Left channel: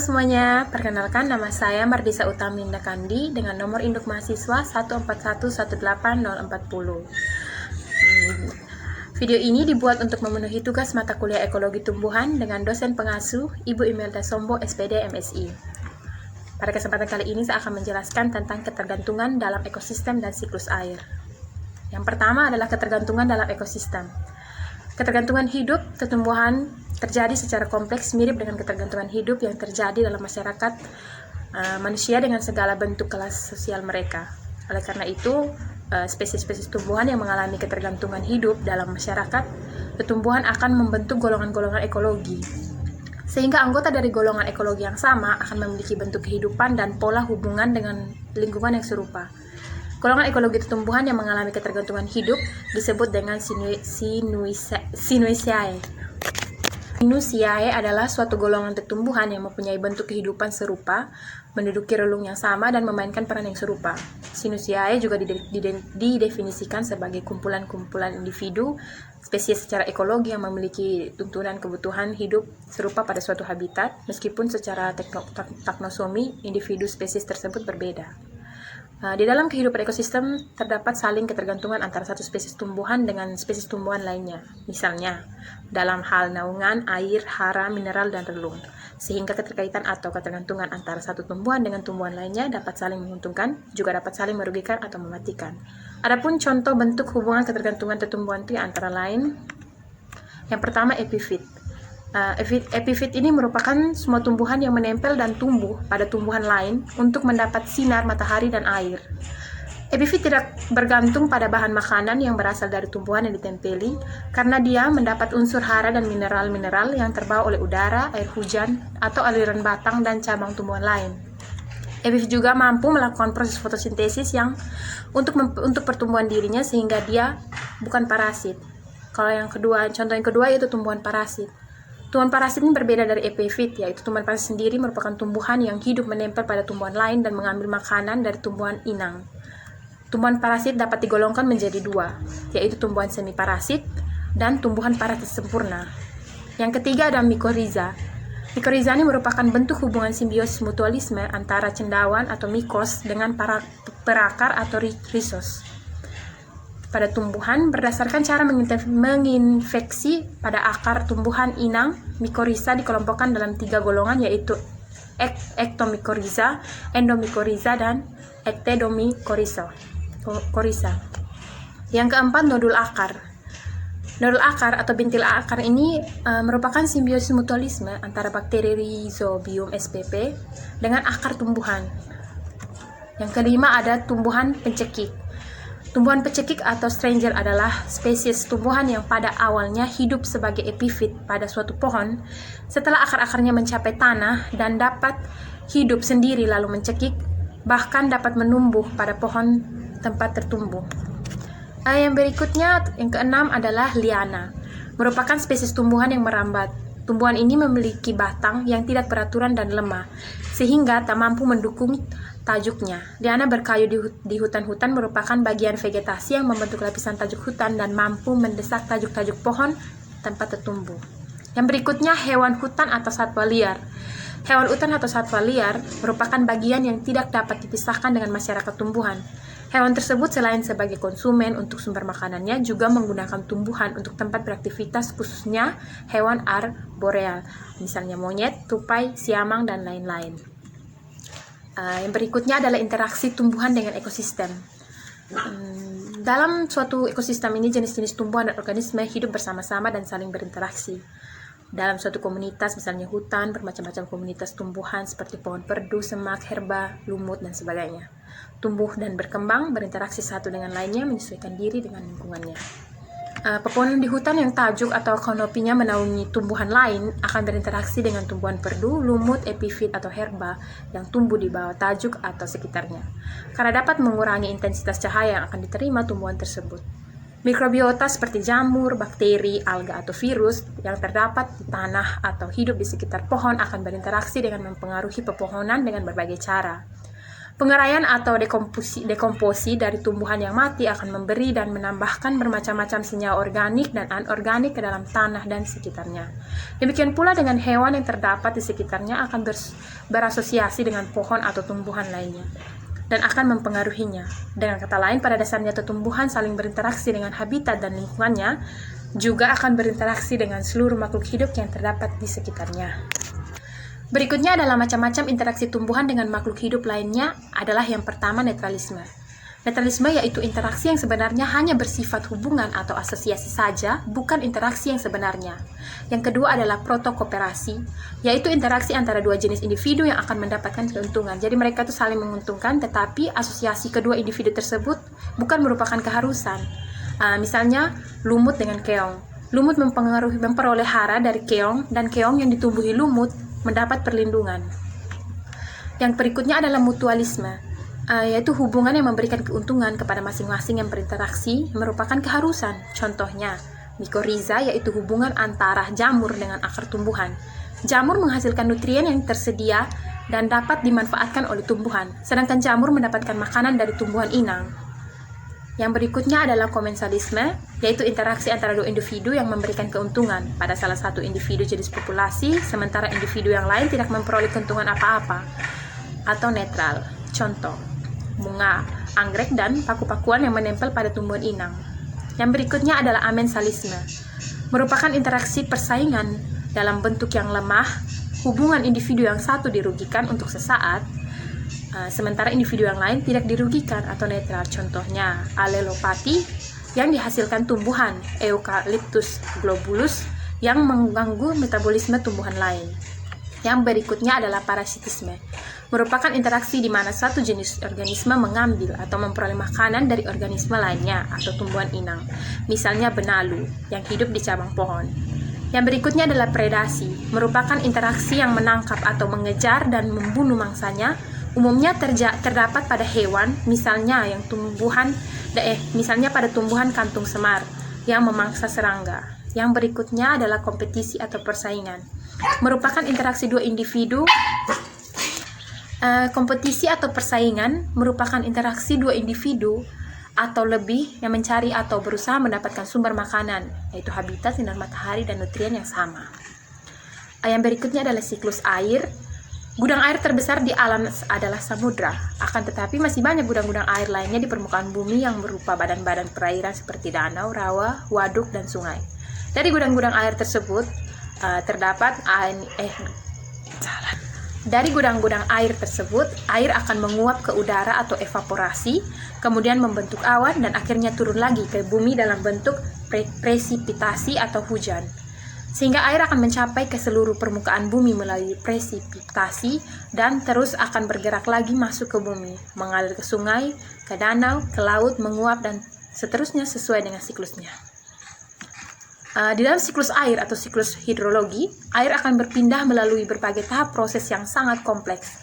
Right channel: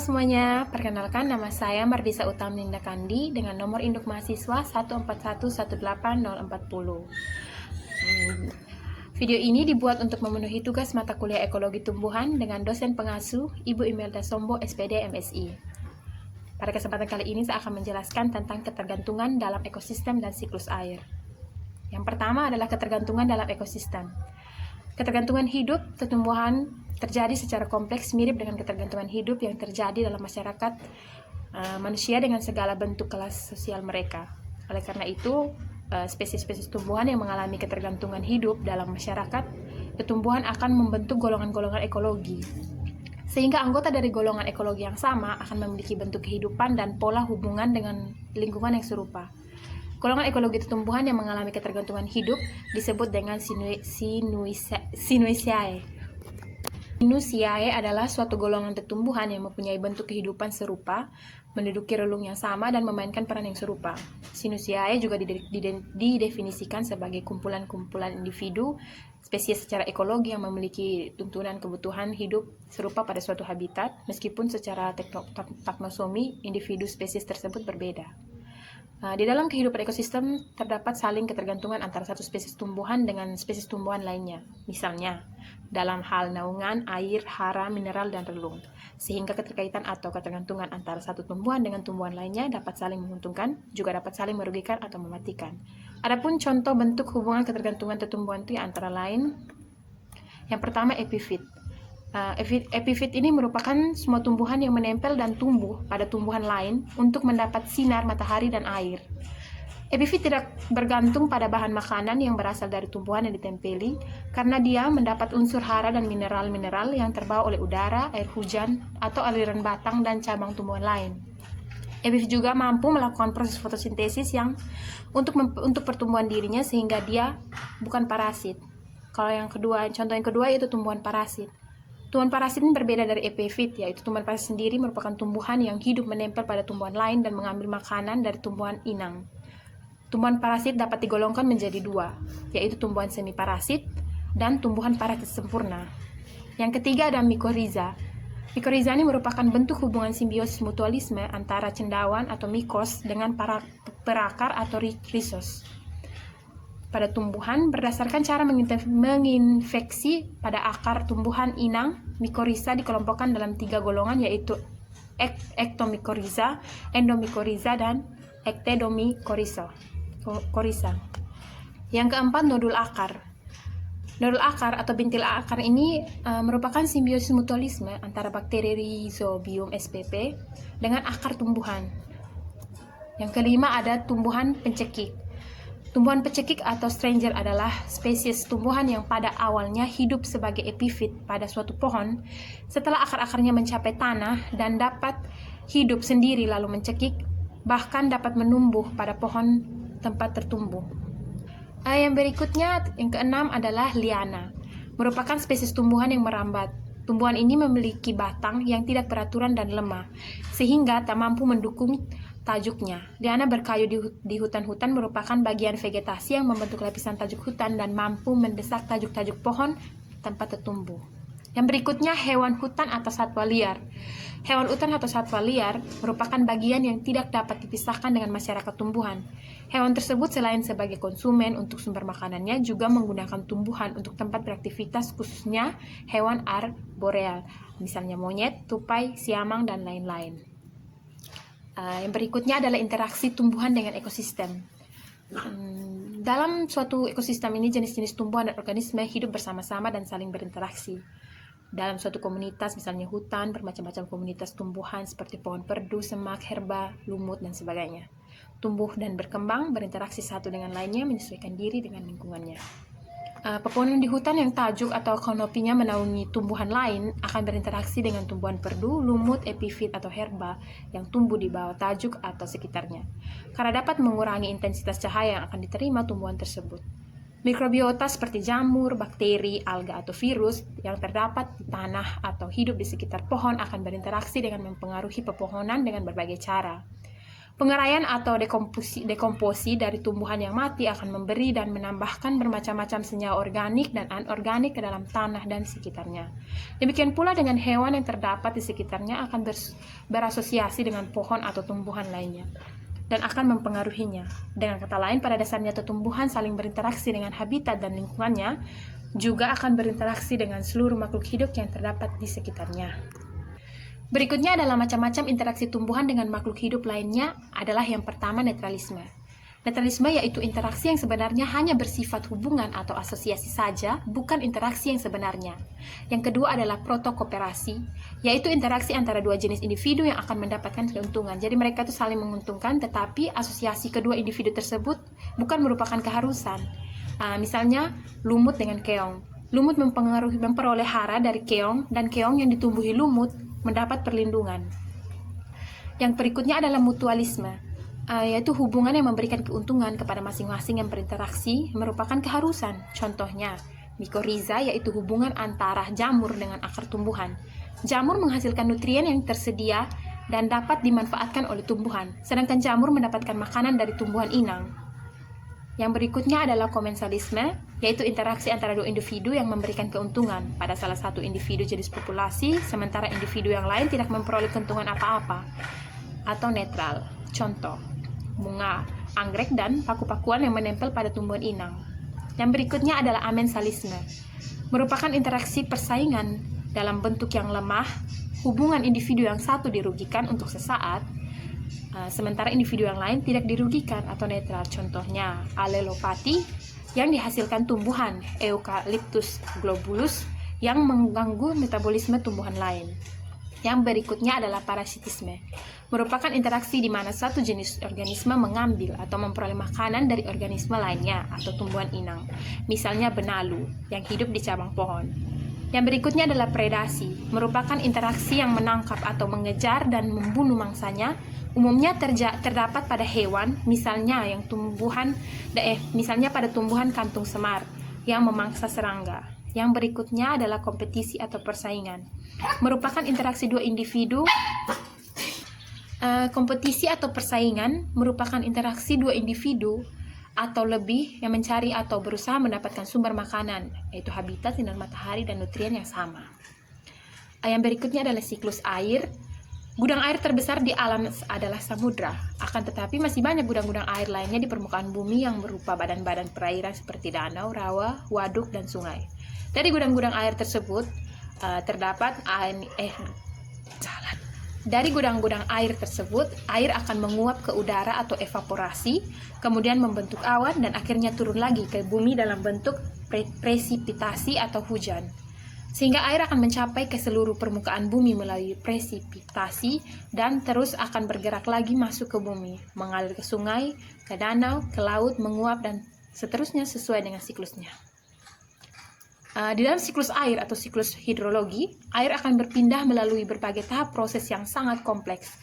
semuanya, perkenalkan nama saya Mardisa Utaminda Kandi dengan nomor induk mahasiswa 141181040. Video ini dibuat untuk memenuhi tugas mata kuliah Ekologi Tumbuhan dengan dosen pengasuh Ibu Imelda Sombo, SPD, MSI. Pada kesempatan kali ini saya akan menjelaskan tentang ketergantungan dalam ekosistem dan siklus air. Yang pertama adalah ketergantungan dalam ekosistem. Ketergantungan hidup tumbuhan terjadi secara kompleks mirip dengan ketergantungan hidup yang terjadi dalam masyarakat manusia dengan segala bentuk kelas sosial mereka. Oleh karena itu, spesies-spesies tumbuhan yang mengalami ketergantungan hidup dalam masyarakat, tumbuhan akan membentuk golongan-golongan ekologi. Sehingga anggota dari golongan ekologi yang sama akan memiliki bentuk kehidupan dan pola hubungan dengan lingkungan yang serupa. Golongan ekologi tumbuhan yang mengalami ketergantungan hidup disebut dengan Sinuisiae. Sinuisiae adalah suatu golongan tumbuhan yang mempunyai bentuk kehidupan serupa, menduduki relung yang sama, dan memainkan peran yang serupa. Sinuisiae juga didefinisikan sebagai kumpulan-kumpulan individu, spesies secara ekologi yang memiliki tuntunan kebutuhan hidup serupa pada suatu habitat, meskipun secara taksonomi individu spesies tersebut berbeda. Di dalam kehidupan ekosistem terdapat saling ketergantungan antara satu spesies tumbuhan dengan spesies tumbuhan lainnya. Misalnya, dalam hal naungan, air, hara, mineral, dan relung. Sehingga keterkaitan atau ketergantungan antara satu tumbuhan dengan tumbuhan lainnya dapat saling menguntungkan, juga dapat saling merugikan atau mematikan. Adapun contoh bentuk hubungan ketergantungan tumbuhan itu antara lain, yang pertama epifit. Epifit ini merupakan semua tumbuhan yang menempel dan tumbuh pada tumbuhan lain untuk mendapat sinar matahari dan air. Epifit tidak bergantung pada bahan makanan yang berasal dari tumbuhan yang ditempeli, karena dia mendapat unsur hara dan mineral-mineral yang terbawa oleh udara, air hujan, atau aliran batang dan cabang tumbuhan lain. Epifit juga mampu melakukan proses fotosintesis yang untuk pertumbuhan dirinya, sehingga dia bukan parasit. Kalau contoh yang kedua yaitu tumbuhan parasit. Tumbuhan parasit ini berbeda dari epifit, yaitu tumbuhan parasit sendiri merupakan tumbuhan yang hidup menempel pada tumbuhan lain dan mengambil makanan dari tumbuhan inang. Tumbuhan parasit dapat digolongkan menjadi dua, yaitu tumbuhan semiparasit dan tumbuhan parasit sempurna. Yang ketiga ada mikoriza. Mikoriza ini merupakan bentuk hubungan simbiosis mutualisme antara cendawan atau mikos dengan perakar atau rhizos pada tumbuhan berdasarkan cara menginfeksi pada akar tumbuhan inang. Mikoriza dikelompokkan dalam 3 golongan, yaitu ektomikoriza, endomikoriza, dan ektedomikoriza. Yang keempat, nodul akar. Nodul akar atau bintil akar ini merupakan simbiosis mutualisme antara bakteri Rhizobium spp dengan akar tumbuhan. Yang kelima ada tumbuhan pencekik. Tumbuhan pecekik atau stranger adalah spesies tumbuhan yang pada awalnya hidup sebagai epifit pada suatu pohon, setelah akar-akarnya mencapai tanah dan dapat hidup sendiri lalu mencekik, bahkan dapat menumbuh pada pohon tempat tertumbuh. Yang berikutnya, yang keenam adalah liana, merupakan spesies tumbuhan yang merambat. Tumbuhan ini memiliki batang yang tidak beraturan dan lemah, sehingga tak mampu mendukung tajuknya. Liana berkayu di hutan-hutan merupakan bagian vegetasi yang membentuk lapisan tajuk hutan dan mampu mendesak tajuk-tajuk pohon tempat tertumbuh. Yang berikutnya, hewan hutan atau satwa liar. Hewan hutan atau satwa liar merupakan bagian yang tidak dapat dipisahkan dengan masyarakat tumbuhan. Hewan tersebut selain sebagai konsumen untuk sumber makanannya, juga menggunakan tumbuhan untuk tempat beraktivitas, khususnya hewan arboreal, misalnya monyet, tupai, siamang, dan lain-lain. Yang berikutnya adalah interaksi tumbuhan dengan ekosistem. Dalam suatu ekosistem ini, jenis-jenis tumbuhan dan organisme hidup bersama-sama dan saling berinteraksi. Dalam suatu komunitas, misalnya hutan, bermacam-macam komunitas tumbuhan seperti pohon perdu, semak, herba, lumut, dan sebagainya. Tumbuh dan berkembang, berinteraksi satu dengan lainnya, menyesuaikan diri dengan lingkungannya. Pepohonan di hutan yang tajuk atau kanopinya menaungi tumbuhan lain akan berinteraksi dengan tumbuhan perdu, lumut, epifit, atau herba yang tumbuh di bawah tajuk atau sekitarnya, karena dapat mengurangi intensitas cahaya yang akan diterima tumbuhan tersebut. Mikrobiota seperti jamur, bakteri, alga, atau virus yang terdapat di tanah atau hidup di sekitar pohon akan berinteraksi dengan mempengaruhi pepohonan dengan berbagai cara. Pengeraian atau dekomposi dari tumbuhan yang mati akan memberi dan menambahkan bermacam-macam senyawa organik dan anorganik ke dalam tanah dan sekitarnya. Demikian pula dengan hewan yang terdapat di sekitarnya akan berasosiasi dengan pohon atau tumbuhan lainnya dan akan mempengaruhinya. Dengan kata lain, pada dasarnya tumbuhan saling berinteraksi dengan habitat dan lingkungannya, juga akan berinteraksi dengan seluruh makhluk hidup yang terdapat di sekitarnya. Berikutnya adalah macam-macam interaksi tumbuhan dengan makhluk hidup lainnya adalah yang pertama netralisme. Netralisme yaitu interaksi yang sebenarnya hanya bersifat hubungan atau asosiasi saja, bukan interaksi yang sebenarnya. Yang kedua adalah protokooperasi, yaitu interaksi antara dua jenis individu yang akan mendapatkan keuntungan. Jadi mereka itu saling menguntungkan, tetapi asosiasi kedua individu tersebut bukan merupakan keharusan. Misalnya lumut dengan keong. Lumut memperoleh hara dari keong, dan keong yang ditumbuhi lumut mendapat perlindungan. Yang berikutnya adalah mutualisme, yaitu hubungan yang memberikan keuntungan kepada masing-masing yang berinteraksi merupakan keharusan. Contohnya, mikoriza yaitu hubungan antara jamur dengan akar tumbuhan. Jamur menghasilkan nutrien yang tersedia dan dapat dimanfaatkan oleh tumbuhan, sedangkan jamur mendapatkan makanan dari tumbuhan inang. Yang berikutnya adalah komensalisme, yaitu interaksi antara dua individu yang memberikan keuntungan pada salah satu individu jenis populasi, sementara individu yang lain tidak memperoleh keuntungan apa-apa, atau netral. Contoh, bunga, anggrek, dan paku-pakuan yang menempel pada tumbuhan inang. Yang berikutnya adalah amensalisme, merupakan interaksi persaingan dalam bentuk yang lemah, hubungan individu yang satu dirugikan untuk sesaat, sementara individu yang lain tidak dirugikan atau netral. Contohnya, alelopati yang dihasilkan tumbuhan Eucalyptus globulus yang mengganggu metabolisme tumbuhan lain. Yang berikutnya adalah parasitisme, merupakan interaksi di mana satu jenis organisme mengambil atau memperoleh makanan dari organisme lainnya atau tumbuhan inang, misalnya benalu yang hidup di cabang pohon. Yang berikutnya adalah predasi, merupakan interaksi yang menangkap atau mengejar dan membunuh mangsanya. Umumnya terdapat pada hewan, misalnya pada tumbuhan kantung semar yang memangsa serangga. Yang berikutnya adalah kompetisi atau persaingan, merupakan interaksi dua individu. Kompetisi atau persaingan merupakan interaksi dua individu atau lebih yang mencari atau berusaha mendapatkan sumber makanan, yaitu habitat, sinar matahari, dan nutrien yang sama. Yang berikutnya adalah siklus air. Gudang air terbesar di alam adalah samudra, akan tetapi masih banyak gudang-gudang air lainnya di permukaan bumi yang berupa badan-badan perairan seperti danau, rawa, waduk, dan sungai. Dari gudang-gudang air tersebut Dari gudang-gudang air tersebut, air akan menguap ke udara atau evaporasi, kemudian membentuk awan dan akhirnya turun lagi ke bumi dalam bentuk presipitasi atau hujan. Sehingga air akan mencapai ke seluruh permukaan bumi melalui presipitasi dan terus akan bergerak lagi masuk ke bumi, mengalir ke sungai, ke danau, ke laut, menguap, dan seterusnya sesuai dengan siklusnya. Di dalam siklus air atau siklus hidrologi, air akan berpindah melalui berbagai tahap proses yang sangat kompleks.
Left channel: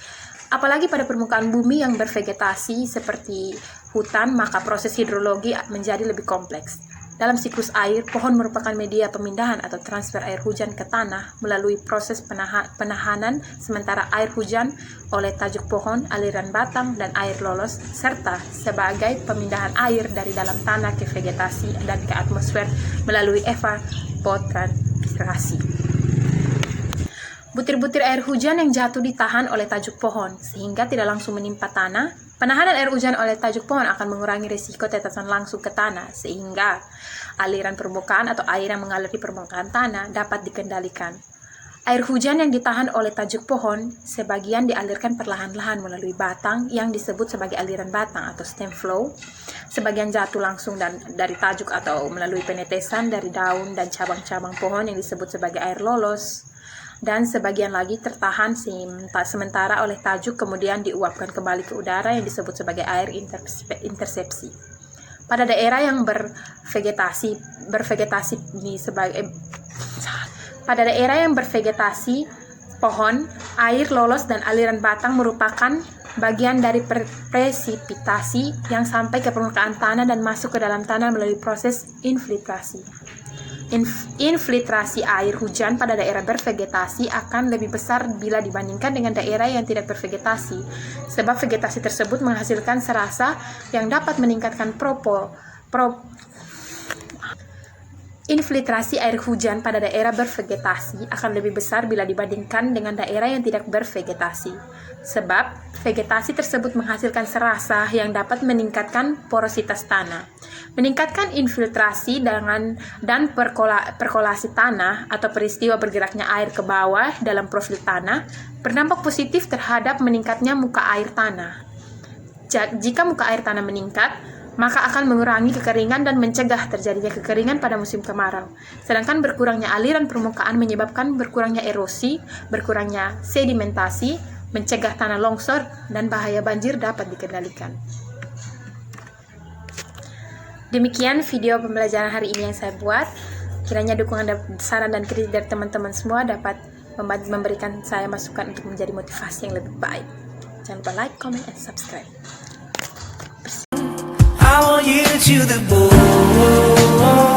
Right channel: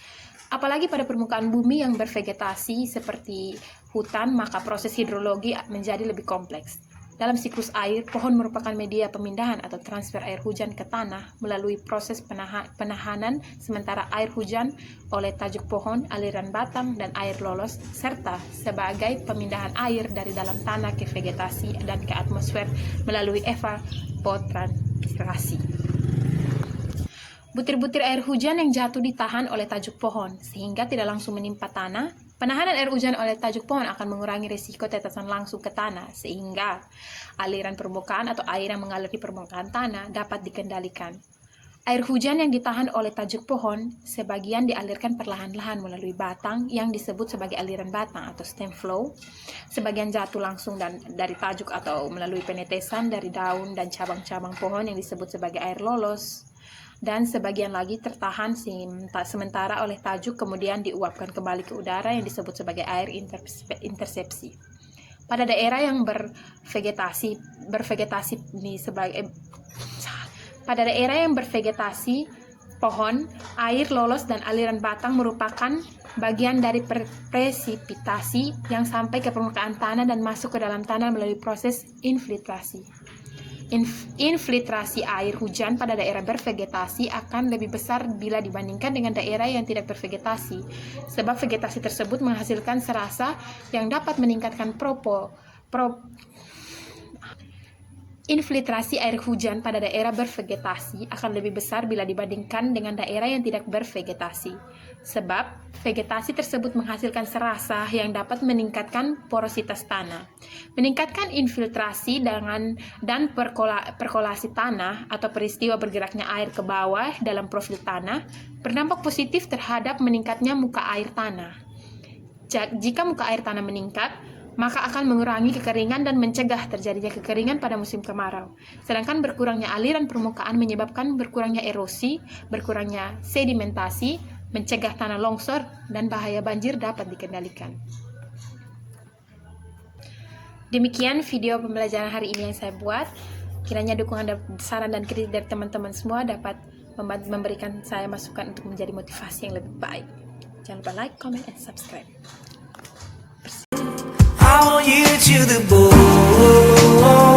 Apalagi pada permukaan bumi yang bervegetasi seperti hutan, maka proses hidrologi menjadi lebih kompleks. Dalam siklus air, pohon merupakan media pemindahan atau transfer air hujan ke tanah melalui proses penahanan sementara air hujan oleh tajuk pohon, aliran batang, dan air lolos, serta sebagai pemindahan air dari dalam tanah ke vegetasi dan ke atmosfer melalui evapotranspirasi. Butir-butir air hujan yang jatuh ditahan oleh tajuk pohon sehingga tidak langsung menimpa tanah. Penahanan air hujan oleh tajuk pohon akan mengurangi risiko tetesan langsung ke tanah sehingga aliran permukaan atau air yang mengalir di permukaan tanah dapat dikendalikan. Air hujan yang ditahan oleh tajuk pohon sebagian dialirkan perlahan-lahan melalui batang yang disebut sebagai aliran batang atau stem flow. Sebagian jatuh langsung dari tajuk atau melalui penetesan dari daun dan cabang-cabang pohon yang disebut sebagai air lolos. Dan sebagian lagi tertahan sementara oleh tajuk kemudian diuapkan kembali ke udara yang disebut sebagai air intersepsi. Pada daerah yang bervegetasi pohon, air lolos dan aliran batang merupakan bagian dari presipitasi yang sampai ke permukaan tanah dan masuk ke dalam tanah melalui proses infiltrasi. Infiltrasi air hujan pada daerah bervegetasi akan lebih besar bila dibandingkan dengan daerah yang tidak bervegetasi, sebab vegetasi tersebut menghasilkan serasa yang dapat meningkatkan Infiltrasi air hujan pada daerah bervegetasi akan lebih besar bila dibandingkan dengan daerah yang tidak bervegetasi, sebab vegetasi tersebut menghasilkan serasa yang dapat meningkatkan porositas tanah. Meningkatkan infiltrasi dan perkolasi tanah atau peristiwa bergeraknya air ke bawah dalam profil tanah berdampak positif terhadap meningkatnya muka air tanah. Jika muka air tanah meningkat, maka akan mengurangi kekeringan dan mencegah terjadinya kekeringan pada musim kemarau. Sedangkan berkurangnya aliran permukaan menyebabkan berkurangnya erosi, berkurangnya sedimentasi, mencegah tanah longsor, dan bahaya banjir dapat dikendalikan. Demikian video pembelajaran hari ini yang saya buat. Kiranya dukungan, saran, dan kritik dari teman-teman semua dapat memberikan saya masukan untuk menjadi motivasi yang lebih baik. Jangan lupa like, comment, and subscribe. I want you to the bone.